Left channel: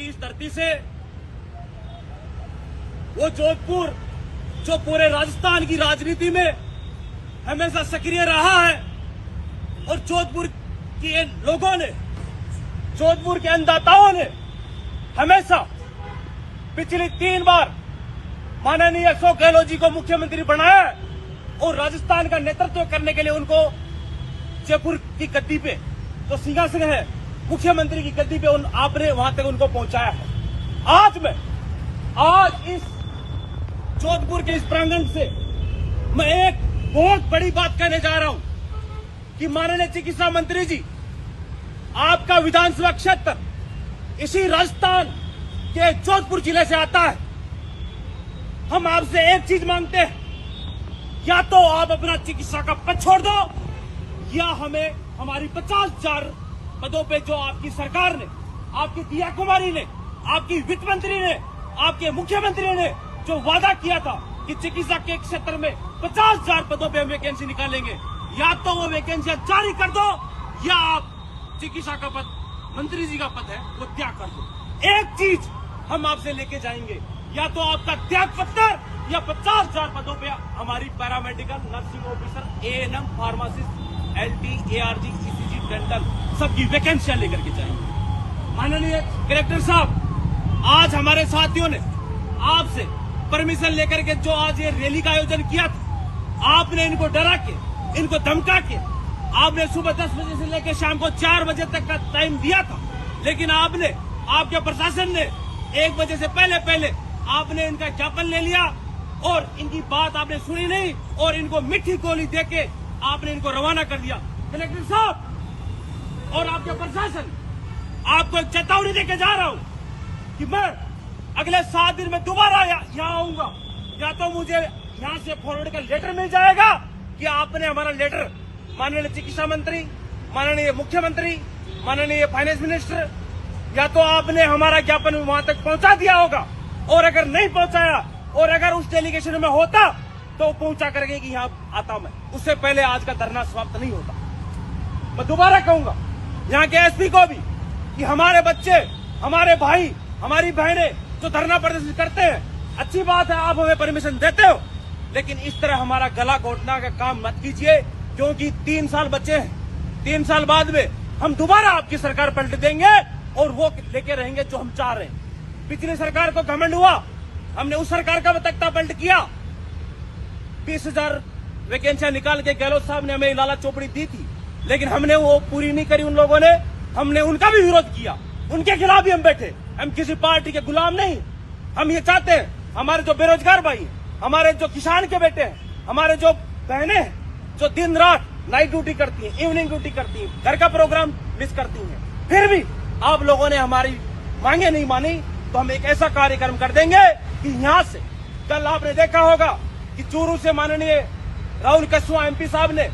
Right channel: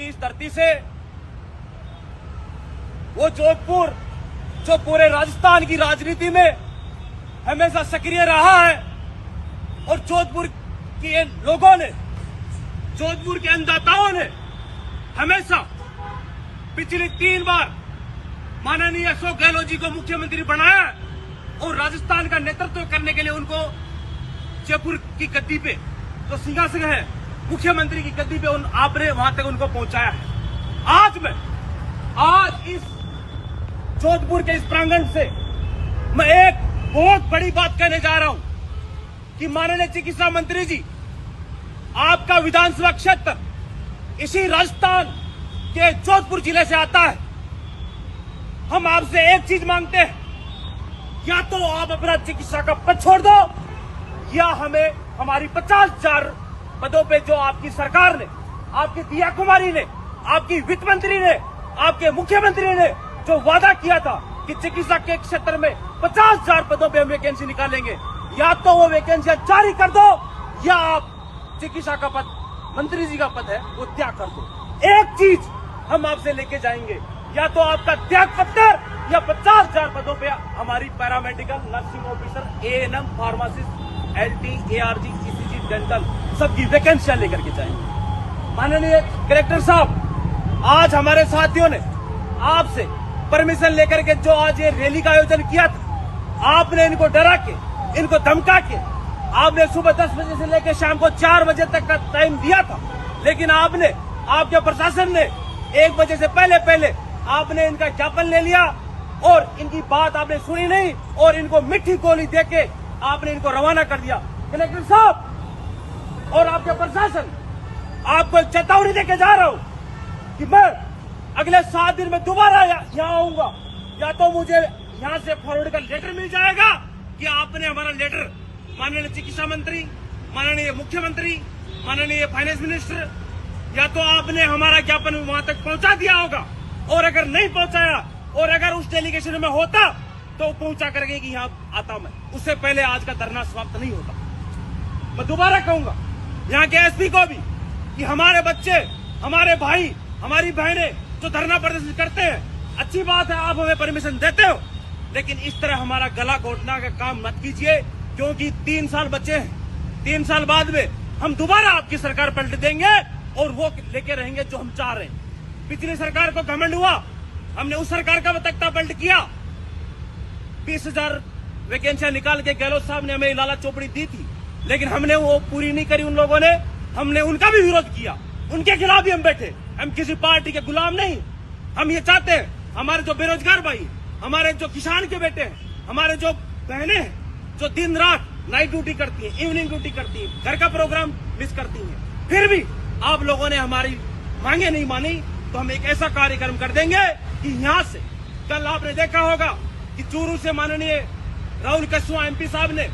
की इस धरती से वो जोधपुर जो पूरे राजस्थान की राजनीति में हमेशा सक्रिय रहा है और जोधपुर के लोगों ने, जोधपुर के अन्नदाताओं ने हमेशा पिछली 3 बार माननीय अशोक गहलोत जी को मुख्यमंत्री बनाया और राजस्थान का नेतृत्व करने के लिए उनको जयपुर की गद्दी पे तो सिंहासन है, मुख्यमंत्री की गद्दी पे आपने वहां तक उनको पहुंचाया है। आज इस जोधपुर के इस प्रांगण से मैं एक बहुत बड़ी बात कहने जा रहा हूं कि माननीय चिकित्सा मंत्री जी, आपका विधानसभा क्षेत्र इसी राजस्थान के जोधपुर जिले से आता है। हम आपसे एक चीज मांगते हैं, या तो आप अपना चिकित्सा का पद छोड़ दो या हमें हमारी 50,000 पदों पे जो आपकी सरकार ने, आपकी दिया कुमारी ने, आपकी वित्त मंत्री ने, आपके मुख्यमंत्री ने जो वादा किया था कि चिकित्सा के क्षेत्र में 50,000 पदों पे हम वैकेंसी निकालेंगे, या तो वो वैकेंसी जारी कर दो या आप चिकित्सा का पद, मंत्री जी का पद है वो त्याग कर दो। एक चीज हम आपसे लेके जाएंगे, या तो आपका त्याग पत्र या 50,000 पदों पे हमारी paramedical, nursing officer, ANM, pharmacist, LT, ARG, ECG, dental सबकी वैकेंसियां लेकर के जाएंगे। माननीय कलेक्टर साहब, आज हमारे साथियों ने आपसे परमिशन लेकर के जो आज ये रैली का आयोजन किया था, आपने इनको डरा के, इनको धमका के, आपने सुबह 10 बजे से लेकर शाम को 4 बजे तक का टाइम दिया था, लेकिन आपने, आपके प्रशासन ने 1 बजे से पहले आपने इनका ज्ञापन ले लिया और इनकी बात आपने सुनी नहीं और इनको मिठी गोली देके आपने इनको रवाना कर दिया। कलेक्टर साहब और आपके प्रशासन, आपको एक चेतावनी देके जा रहा हूं कि मैं अगले 7 दिन में दोबारा यहाँ आऊंगा, या तो मुझे यहाँ से फॉरवर्ड का लेटर मिल जाएगा कि आपने हमारा लेटर माननीय चिकित्सा मंत्री, माननीय मुख्यमंत्री, माननीय फाइनेंस मिनिस्टर, या तो आपने हमारा ज्ञापन वहां तक पहुंचा दिया होगा, और अगर नहीं पहुंचाया और अगर उस डेलीगेशन में होता तो पहुंचा करके कि यहाँ आता मैं, उससे पहले आज का धरना समाप्त नहीं होता। मैं दोबारा कहूंगा यहाँ के एसपी को भी कि हमारे बच्चे, हमारे भाई, हमारी बहनें जो धरना प्रदर्शन करते हैं, अच्छी बात है, आप हमें परमिशन देते हो, लेकिन इस तरह हमारा गला घोटना का काम मत कीजिए, क्योंकि 3 साल बचे हैं। 3 साल बाद में हम दोबारा आपकी सरकार पलट देंगे और वो लेके रहेंगे जो हम चाह रहे हैं। पिछली सरकार को घमंड हुआ, हमने उस सरकार का तख्ता पलट किया, 20,000 वैकेंसियां निकाल के गहलोत साहब ने हमें लाला चौपड़ी दी थी, लेकिन हमने वो पूरी नहीं करी उन लोगों ने, हमने उनका भी विरोध किया, उनके खिलाफ भी हम बैठे। हम किसी पार्टी के गुलाम नहीं, हम ये चाहते हैं हमारे जो बेरोजगार भाई, हमारे जो किसान के बेटे हैं, हमारे जो बहनें हैं जो दिन रात नाइट ड्यूटी करती हैं, इवनिंग ड्यूटी करती हैं, घर का प्रोग्राम मिस करती हैं, फिर भी आप लोगों ने हमारी मांगे नहीं मानी, तो हम एक ऐसा कार्यक्रम कर देंगे कि यहाँ से, कल आपने देखा होगा कि चूरू से माननीय राहुल कस्वा एमपी साहब ने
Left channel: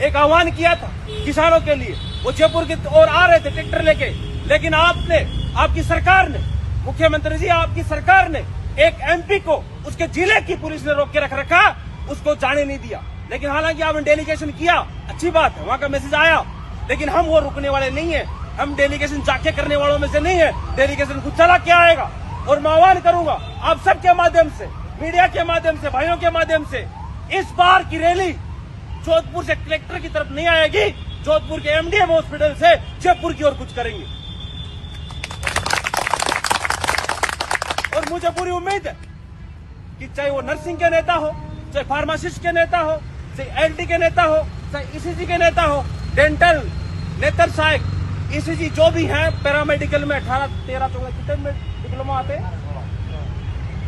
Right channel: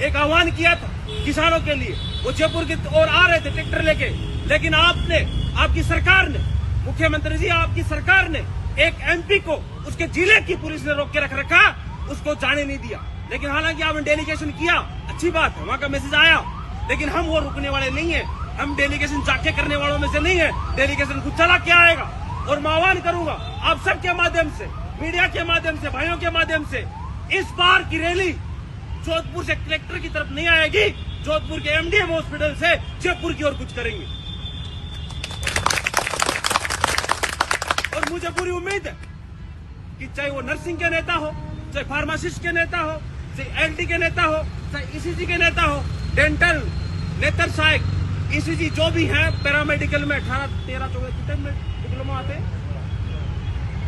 एक आह्वान किया था किसानों के लिए, वो जयपुर की ओर आ रहे थे ट्रैक्टर लेके, लेकिन आपने, आपकी सरकार ने, मुख्यमंत्री जी आपकी सरकार ने एक एमपी को उसके जिले की पुलिस ने रोक के रख रखा, उसको जाने नहीं दिया। लेकिन हालांकि आपने डेलीगेशन किया, अच्छी बात है, वहां का मैसेज आया, लेकिन हम वो रुकने वाले नहीं है, हम डेलीगेशन जाके करने वालों में से नहीं है, डेलीगेशन खुद चला के आएगा। और मैं आह्वान करूंगा आप सबके माध्यम से, मीडिया के माध्यम से, भाइयों के माध्यम से, इस बार की रैली जोधपुर से कलेक्टर की तरफ नहीं आएगी, जोधपुर के एमडीएम हॉस्पिटल से जयपुर की ओर कुछ करेंगे। और मुझे पूरी उम्मीद है कि चाहे वो नर्सिंग के नेता हो, चाहे फार्मासिस्ट के नेता हो, चाहे एलटी के नेता हो, चाहे ईसीजी के नेता हो, डेंटल, नेत्र सहायक, ईसीजी जो भी है, पैरामेडिकल में 18, 13, 14 कितने में डिप्लोमा आते हैं,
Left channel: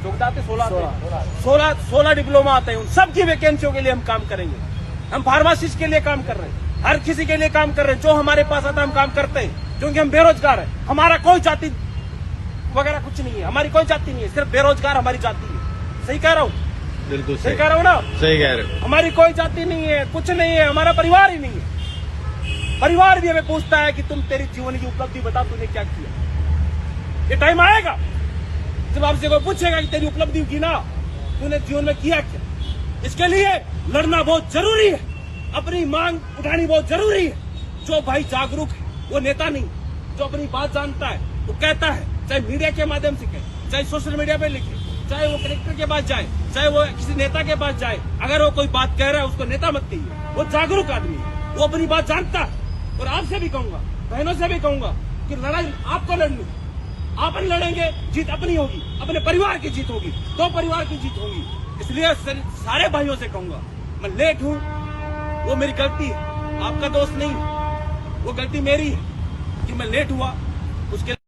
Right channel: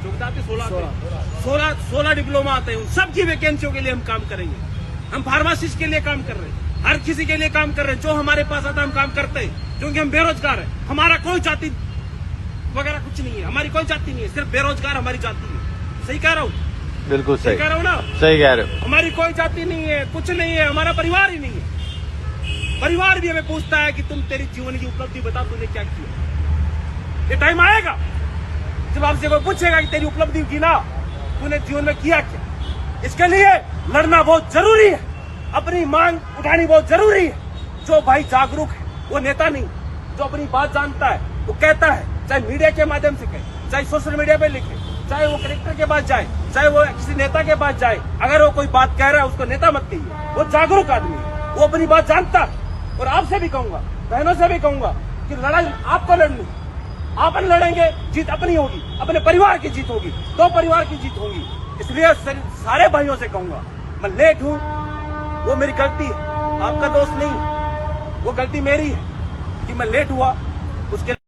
16 डिप्लोमा आते हैं, उन सबकी वैकेंसियों के लिए हम काम करेंगे। हम फार्मासिस्ट के लिए काम कर रहे हैं, हर किसी के लिए काम कर रहे हैं, जो हमारे पास आता है हम काम करते हैं, क्योंकि हम बेरोजगार हैं। हमारा कोई जाति वगैरह कुछ नहीं है, हमारी कोई जाति नहीं है, सिर्फ बेरोजगार हमारी जाति है। सही कह रहा हूँ? बिल्कुल सही कह रहा हूँ ना? सही कह रहे हो। हमारी कोई जाति नहीं है, कुछ नहीं है, हमारा परिवार ही नहीं है। परिवार भी हमें पूछता है कि तुम, तेरी जीवन की उपलब्धि बता, तूने क्या किया। ये टाइम आएगा जब आपसे कोई पूछेगा कि तेरी उपलब्धि की ना, तूने जीवन में किया क्या। इसके लिए लड़ना बहुत जरूरी है, अपनी मांग उठानी बहुत जरूरी है। जो भाई जागरूक है वो नेता नहीं, जो अपनी बात जानता है वो कहता है, चाहे मीडिया के माध्यम से कहे, चाहे सोशल मीडिया पे लिखे, चाहे वो कलेक्टर के पास जाए, चाहे वो किसी नेता के पास जाए, अगर वो कोई बात कह रहा है उसको नेता मत कहिए। वो जागरूक आदमी है, वो अपनी बात जानता है। और आपसे भी कहूंगा, बहनों से भी कहूंगा कि लड़ाई आपको लड़नी, आपन लड़ेंगे, जीत अपनी होगी, अपने परिवार की जीत होगी, दो परिवार की जीत होगी। इसलिए सारे भाइयों से कहूंगा, मैं लेट हूं, वो मेरी गलती है, आपका दोस्त नहीं, वो गलती मेरी है कि मैं लेट हुआ। उसके